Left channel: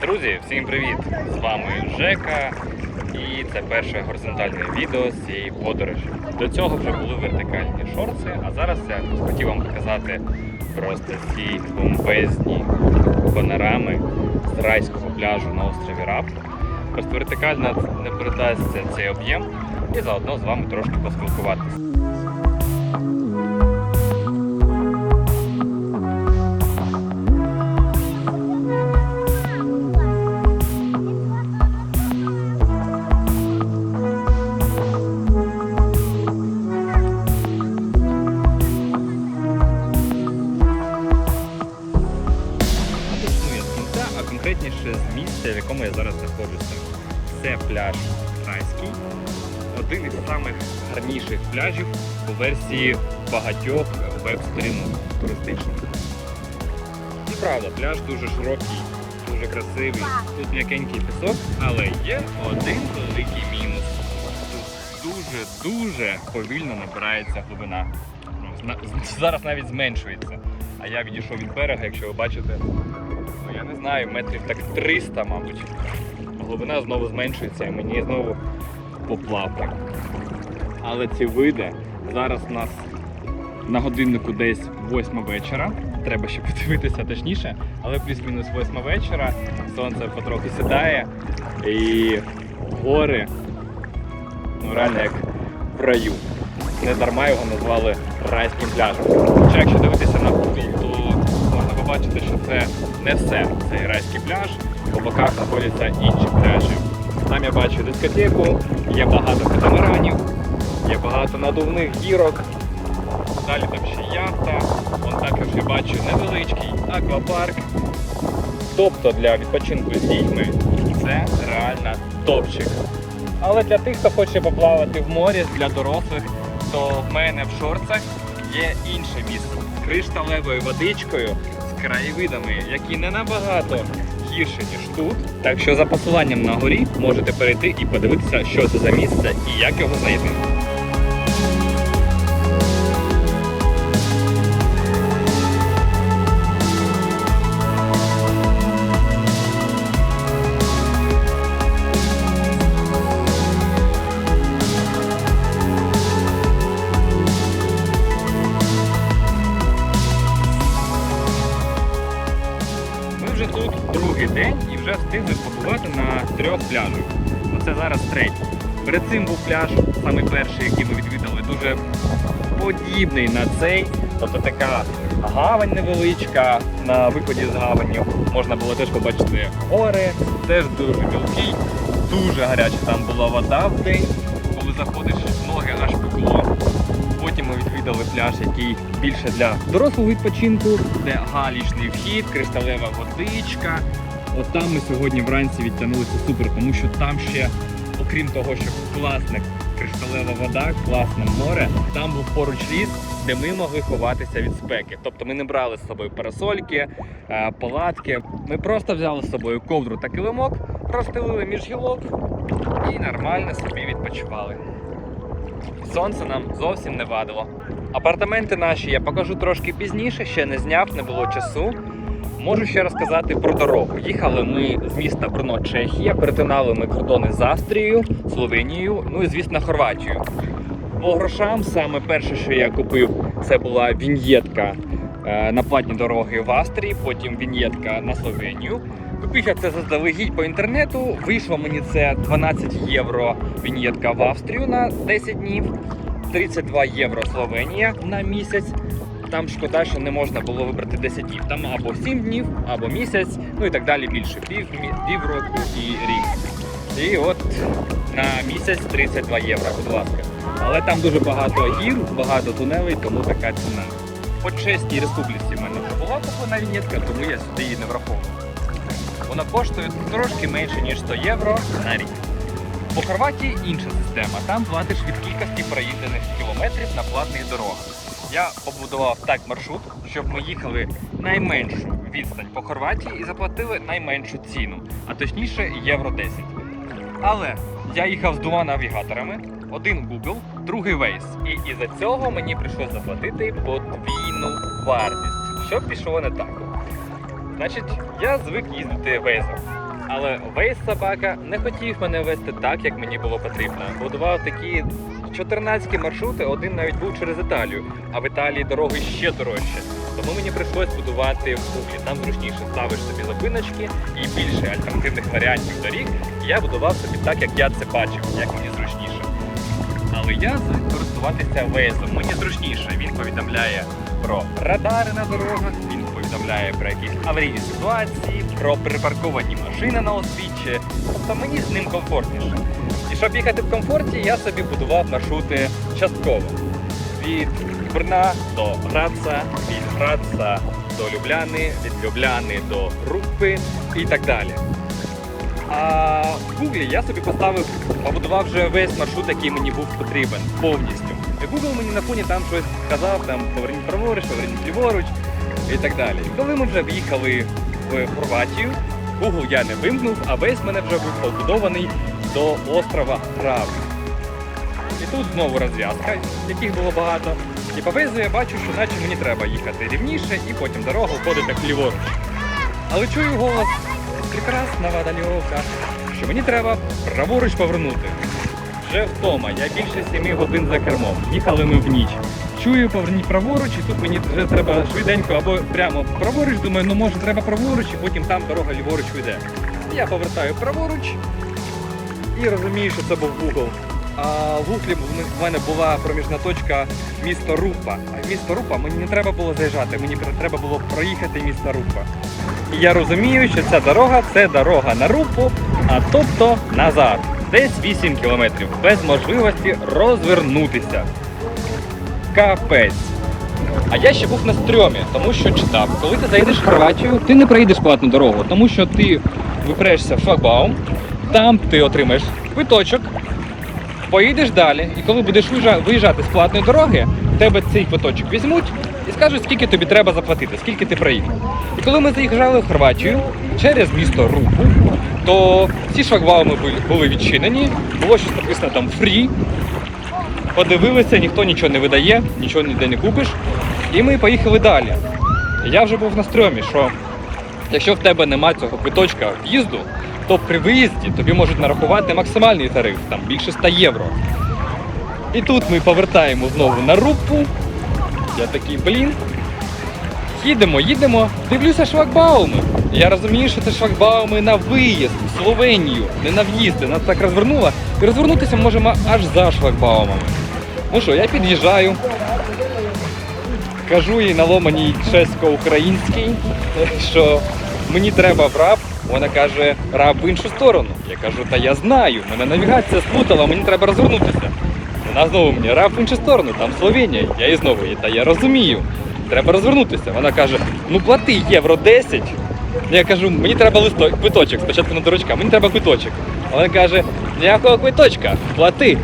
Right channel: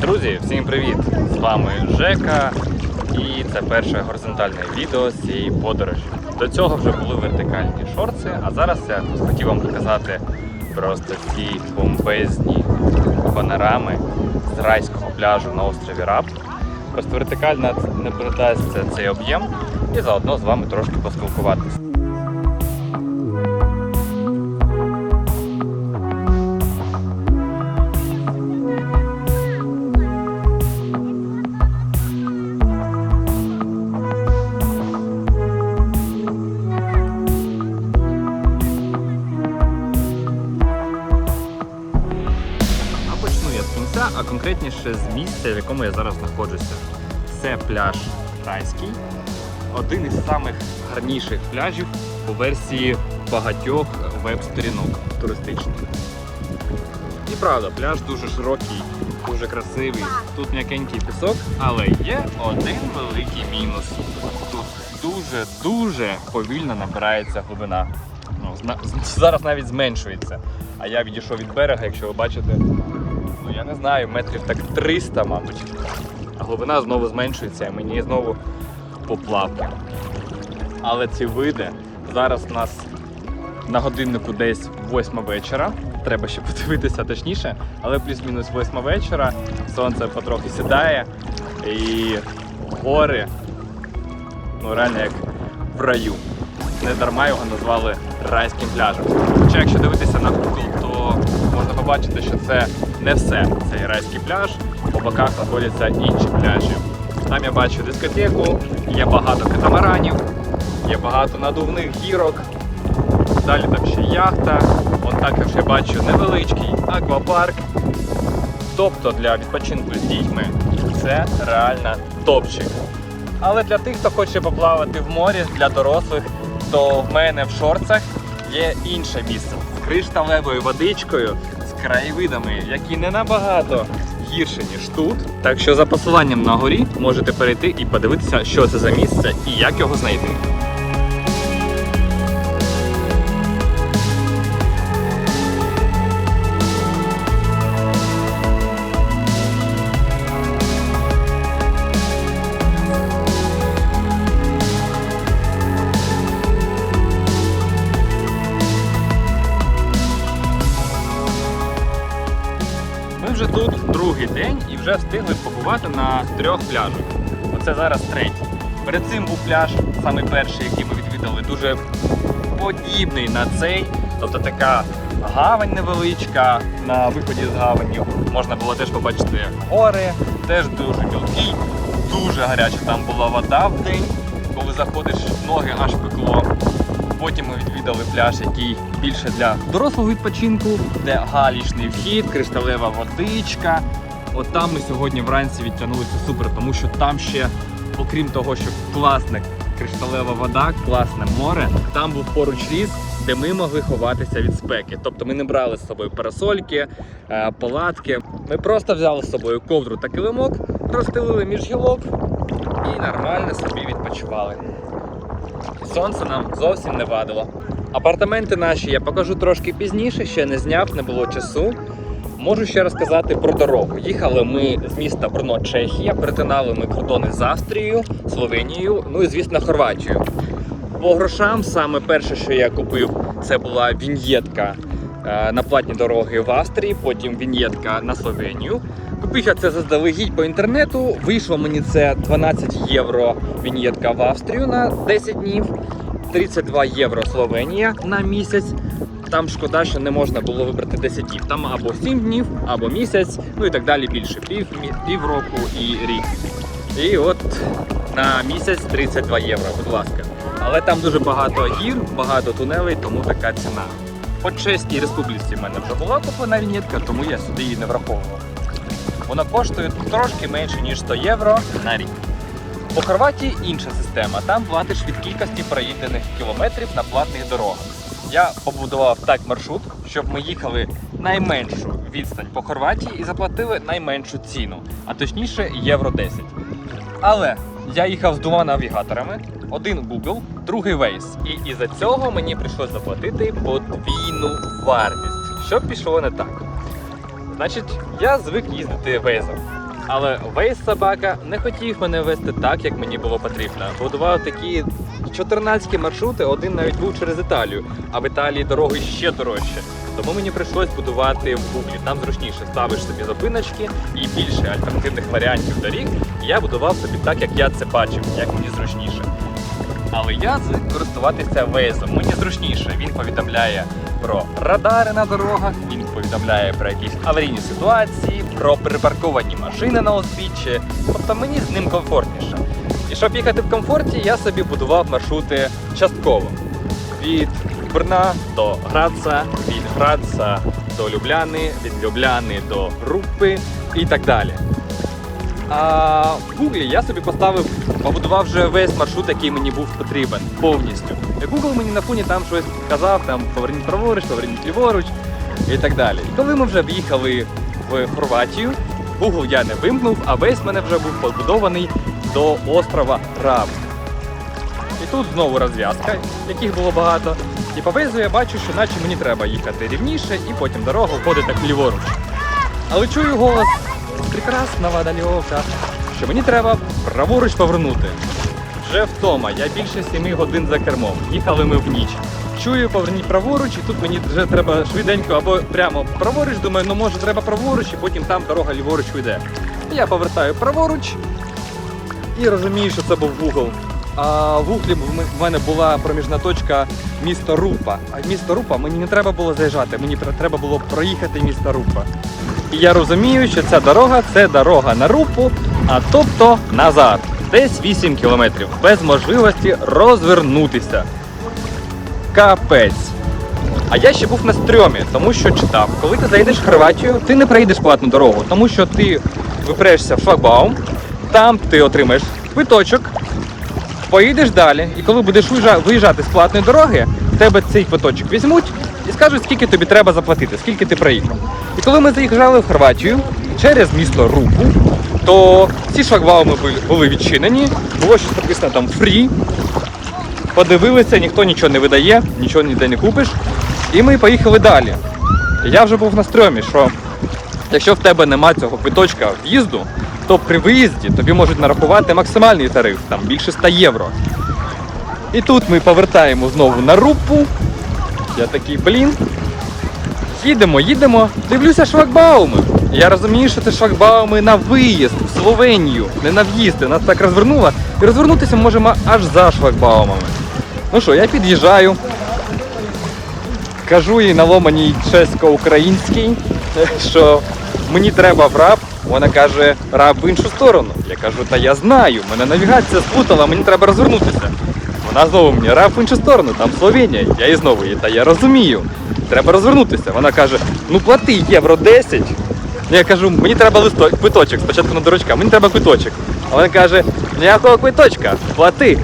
Друзі, всім привіт! З вами Жека, і це перше горизонтальне відео з цієї подорожі. До цього вже були вертикальні шорти, а зараз я хотів вам показати просто ці бомбезні панорами з райського пляжу на острові Раб. Просто вертикально не передасться цей об'єм і заодно з вами трошки поспілкуватися. Знаходжуся. Це пляж Райський, один із самих гарніших пляжів у версії багатьох веб-сторінок туристичних. І правда, пляж дуже широкий, дуже красивий. Тут м'якенький пісок, але є один великий мінус. Тут дуже-дуже повільно набирається глибина. Ну, зараз навіть зменшується. А я відійшов від берега, якщо ви бачите, ну я не знаю, метрів так 300, мабуть. Глибина знову зменшується і мені знову поплавки. Але ці види зараз у нас на годиннику десь 8 вечора. Треба ще подивитися точніше, але плюс-мінус 8 вечора. Сонце потрохи сідає і гори ну, реально як в раю. Не дарма його назвали райським пляжем. Хоча якщо дивитися на Google, то можна побачити, що це не все цей райський пляж. По боках знаходяться інші пляжі. Там я бачу дискотеку, є багато катамаранів, є багато надувних гірок. Далі там ще яхта. От також я бачу невеличкий аквапарк. Тобто для відпочинку з дітьми це реально топчик. Але для тих, хто хоче поплавати в морі для дорослих, то в мене в шорцах є інше місце з кришталевою водичкою, з краєвидами, які не набагато гірші, ніж тут. Так що за посиланням на горі можете перейти і подивитися, що це за місце і як його знайти. День і вже встигли побувати на трьох пляжах. Це зараз третій. Перед цим був пляж, саме перший, який ми відвідали, дуже подібний на цей. Тобто така гавань невеличка на виході з гаванню. Можна було теж побачити гори, теж дуже мілкі, дуже гаряча там була вода в день. Коли заходиш, ноги аж пекло. Потім ми відвідали пляж, який більше для дорослого відпочинку, де галічний вхід, кришталева водичка. От там ми сьогодні вранці відтягнулися супер, тому що там ще, окрім того, що класна кришталева вода, класне море, там був поруч ліс, де ми могли ховатися від спеки. Тобто ми не брали з собою парасольки, е, палатки. Ми просто взяли з собою ковдру та килимок, розстелили між гілок і нормально собі відпочивали. Сонце нам зовсім не вадило. Апартаменти наші я покажу трошки пізніше, ще не зняв, не було часу. Можу ще розказати про дорогу. Їхали ми з міста Брно, Чехія, перетинали ми кордони з Австрією, Словенією, ну і звісно Хорватією. По грошам саме перше, що я купив, це була віньєтка е, на платні дороги в Австрії, потім віньєтка на Словенію. Купив я це заздалегідь по інтернету. Вийшло мені це 12 євро віньєтка в Австрію на 10 днів, 32 євро Словенія на місяць. Там шкода, що не можна було вибрати 10 днів. Там або 7 днів, або місяць, ну і так далі більше. Пів, року і рік. І от на місяць 32 євро, будь ласка. Але там дуже багато гір, багато тунелей, тому така ціна. По Чеській республіці в мене вже була куплена вінєтка, тому я сюди її не враховував. Вона коштує трошки менше, ніж 100 євро на рік. По Хорватії інша система. Там платиш від кількості проїдених кілометрів на платних дорогах. Я побудував так маршрут, щоб ми їхали найменшу відстань по Хорватії і заплатили найменшу ціну, а точніше євро 10. Але я їхав з двома навігаторами: один Google, другий Waze. І із-за цього мені прийшлося заплатити подвійну вартість. Що пішло не так? Значить, я звик їздити Waze. Але весь собака не хотів мене вести так, як мені було потрібно. Будував такі 14 маршрути, один навіть був через Італію, а в Італії дороги ще дорожче. Тому мені прийшлось будувати в Буклі. Там зручніше ставиш собі зупиночки і більше альтернативних варіантів доріг. Я будував собі так, як я це бачив, як мені зручніше. Але я звик користуватися вейзом. Мені зручніше. Він повідомляє про радари на дорогах, він повідомляє про якісь аварійні ситуації, про припарковані машини на узбіччі. Тобто мені з ним комфортніше. І щоб їхати в комфорті, я собі будував маршрути частково. Від Брна до Граца, від Граца до Любляни, від Любляни до Рупи і так далі. А в Гуглі я собі поставив, побудував вже весь маршрут, який мені був потрібен повністю. Google мені на фоні там щось казав, там поверніть праворуч, поверніть ліворуч і так далі. І коли ми вже в'їхали в Хорватію, Google я не вимкнув, а весь мене вже був побудований до острова Раб. І тут знову розв'язка, яких було багато. І по везу я бачу, що наче мені треба їхати рівніше, і потім дорога входить так ліворуч. Але чую голос прекрасного дальовка, що мені треба праворуч повернути. Вже втома, я більше 7 годин за кермом. Їхали ми в ніч. Чую, поверніть праворуч, і тут мені вже треба швиденько або прямо праворуч. Думаю, ну може треба праворуч, і потім там дорога ліворуч йде. Я повертаю праворуч і розумію, що це був Google. А в Гуглі в мене була проміжна точка місто Рупа. А місто Рупа мені не треба було заїжджати, мені треба було проїхати місто Рупа. І я розумію, що ця дорога це дорога на Рупу, а тобто назад. Десь 8 кілометрів, без можливості розвернутися. Капець. А я ще був на стрьомі, тому що читав, коли ти заїдеш в Хорватію, ти не проїдеш платну дорогу, тому що ти випрешся в шлагбаум, там ти отримаєш квиточок, поїдеш далі, і коли будеш виїжджати з платної дороги, в тебе цей квиточок візьмуть і скажуть, скільки тобі треба заплатити, скільки ти проїхав. І коли ми заїжджали в Хорватію через місто Рупу, то всі шлагбауми були відчинені, було щось написано там фрі. Подивилися, ніхто нічого не видає, нічого ніде не купиш. І ми поїхали далі. Я вже був на стрьомі, що якщо в тебе нема цього квиточка в'їзду, то при виїзді тобі можуть нарахувати максимальний тариф, там більше 100 євро. І тут ми повертаємо знову на рупу. Я такий, блін. Їдемо, їдемо, дивлюся шлагбауми. Я розумію, що це шлагбауми на виїзд в Словенію, не на в'їзд. Нас так розвернуло. І розвернутися можемо аж за шлагбаумами. Ну що, я під'їжджаю. Кажу їй на ломаній чесько-українській, що мені треба в раб. Вона каже, раб в іншу сторону. Я кажу, та я знаю, мене навігація сплутала, мені треба розвернутися. Вона знову мені раб в іншу сторону, там Словенія. Я їй знову їй, та я розумію. Треба розвернутися. Вона каже, ну плати євро 10. Я кажу, мені треба листок, квиточок, спочатку на дурачка, мені треба квиточок. А вона каже, ніякого квиточка, плати.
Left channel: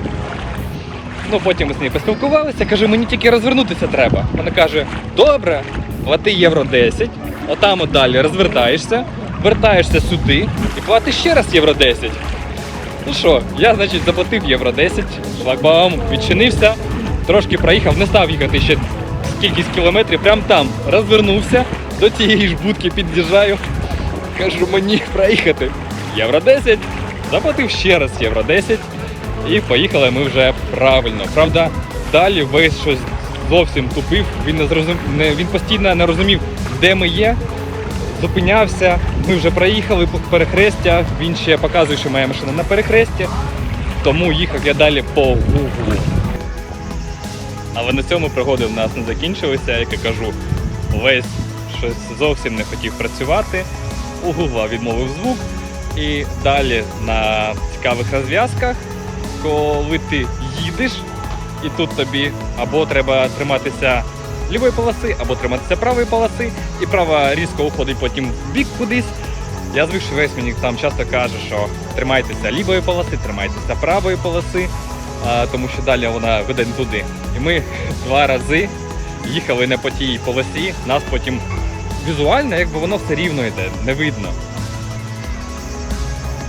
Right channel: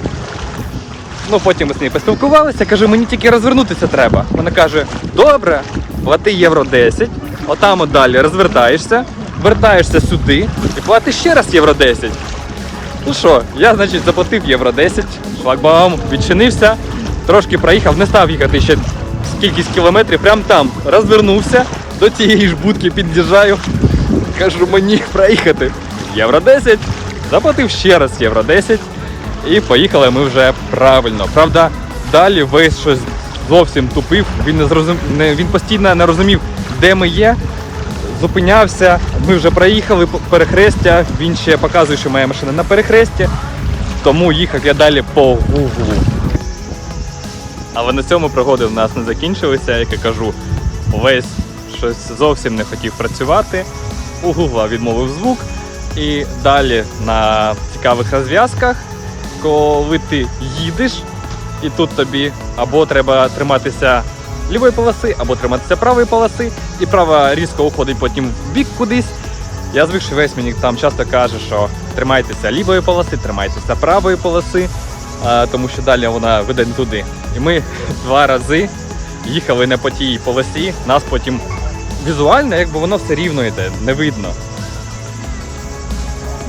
Ну, потім ми з нею поспілкувалися, кажу, мені тільки розвернутися треба. Вона каже, добре, плати євро 10, отам от далі розвертаєшся, вертаєшся сюди і платиш ще раз євро 10. Ну що, я, значить, заплатив євро 10, шлагбаум відчинився, трошки проїхав, не став їхати ще кількість кілометрів, прям там розвернувся, до цієї ж будки під'їжджаю, кажу, мені проїхати євро 10, заплатив ще раз євро 10 і поїхали ми вже правильно. Правда, далі весь щось зовсім тупив, він не зрозум... не... він постійно не розумів, де ми є. Зупинявся, ми вже проїхали перехрестя, він ще показує, що моя машина на перехресті, тому їхав я далі по гуглу. Але на цьому пригоди в нас не закінчилися, як я кажу, весь щось зовсім не хотів працювати. У Гугла відмовив звук. І далі на цікавих розв'язках, коли ти їдеш, і тут тобі або треба триматися лівої полоси, або триматися правої полоси, і права різко уходить потім в бік кудись. Я звик, що весь мені там часто каже, що тримайтеся лівої полоси, тримайтеся правої полоси, тому що далі вона веде не туди. І ми два рази їхали не по тій полосі, нас потім візуально, якби воно все рівно йде, не видно.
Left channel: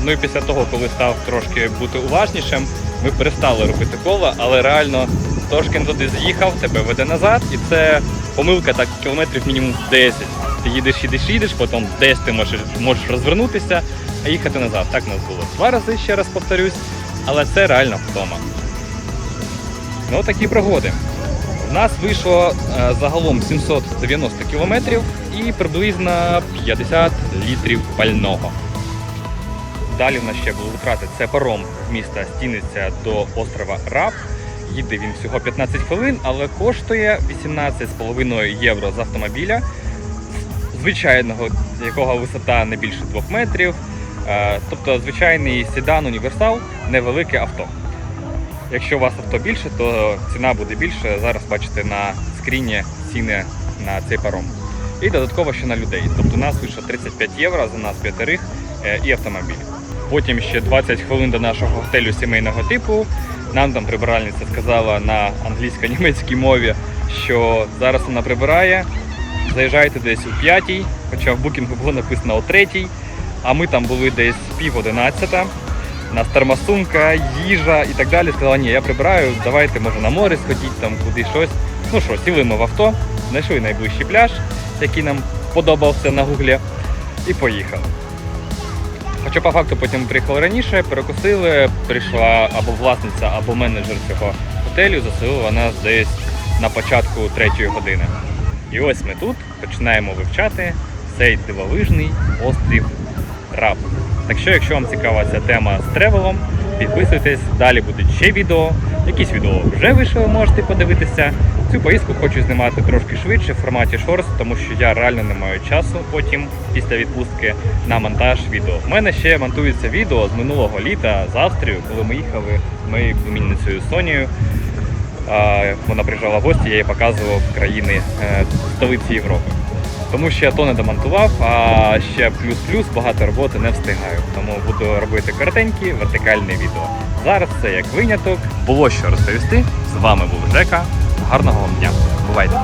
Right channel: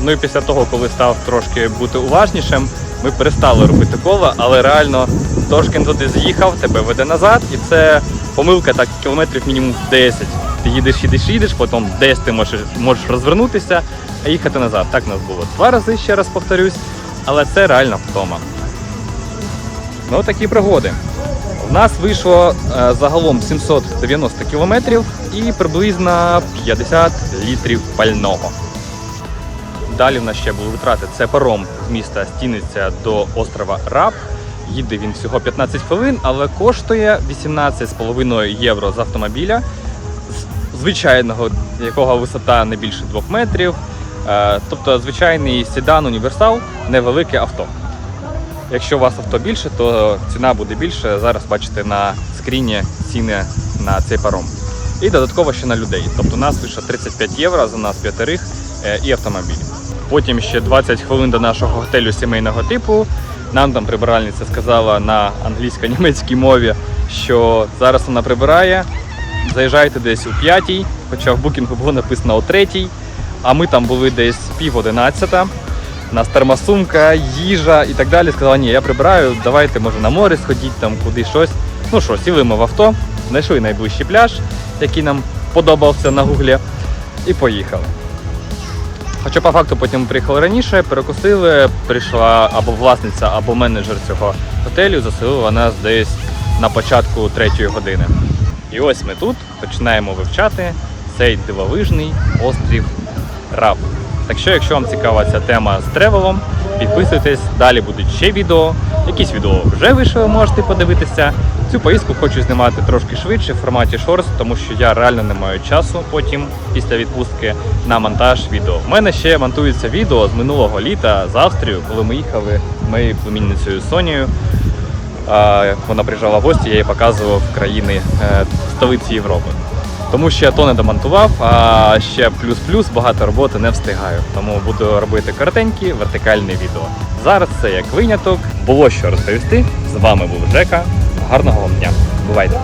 Ну і після того, коли став трошки бути уважнішим, ми перестали робити коло, але реально трошки туди заїхав, тебе веде назад, і це помилка так кілометрів мінімум 10. Ти їдеш, їдеш, їдеш, потім десь ти можеш, можеш розвернутися, а їхати назад. Так нас було два рази, ще раз повторюсь, але це реально втома. Ну, такі пригоди. У нас вийшло е, загалом 790 кілометрів і приблизно 50 літрів пального. Далі в нас ще були витрати. Це паром з міста Стіниця до острова Раб. Їде він всього 15 хвилин, але коштує 18,5 євро з автомобіля, звичайного, якого висота не більше 2 метрів. Е, Тобто звичайний седан універсал, невелике авто. Якщо у вас авто більше, то ціна буде більше. Зараз бачите на скріні ціни на цей паром. І додатково ще на людей. Тобто у нас вийшло 35 євро за нас п'ятерих е, і автомобіль. Потім ще 20 хвилин до нашого готелю сімейного типу. Нам там прибиральниця сказала на англійсько-німецькій мові, що зараз вона прибирає. Заїжджайте десь у п'ятій, хоча в букінгу було написано о третій. А ми там були десь пів одинадцята. У нас термосумка, їжа і так далі. Сказала, ні, я прибираю, давайте може на море сходіть, там куди щось. Ну що, сіли ми в авто, знайшли найближчий пляж, який нам подобався на гуглі, і поїхали. Хоча по факту потім приїхали раніше, перекусили, прийшла або власниця, або менеджер цього готелю, заселила нас десь на початку третьої години. І ось ми тут починаємо вивчати цей дивовижний острів Раб. Так що, якщо вам цікава ця тема з тревелом, підписуйтесь, далі будуть ще відео. Якісь відео вже вийшли, можете подивитися. Цю поїздку хочу знімати трошки швидше в форматі шорс, тому що я реально не маю часу потім після відпустки на монтаж відео. У мене ще монтується відео з минулого літа з Австрію, коли ми їхали моєю племінницею Сонією. Вона приїжджала в гості, я їй показував країни е, столиці Європи. Тому що я то не домонтував, а ще плюс-плюс багато роботи не встигаю. Тому буду робити коротенькі вертикальні відео. Зараз це як виняток. Було що розповісти. З вами був Жека. Гарного вам дня. Бувайте!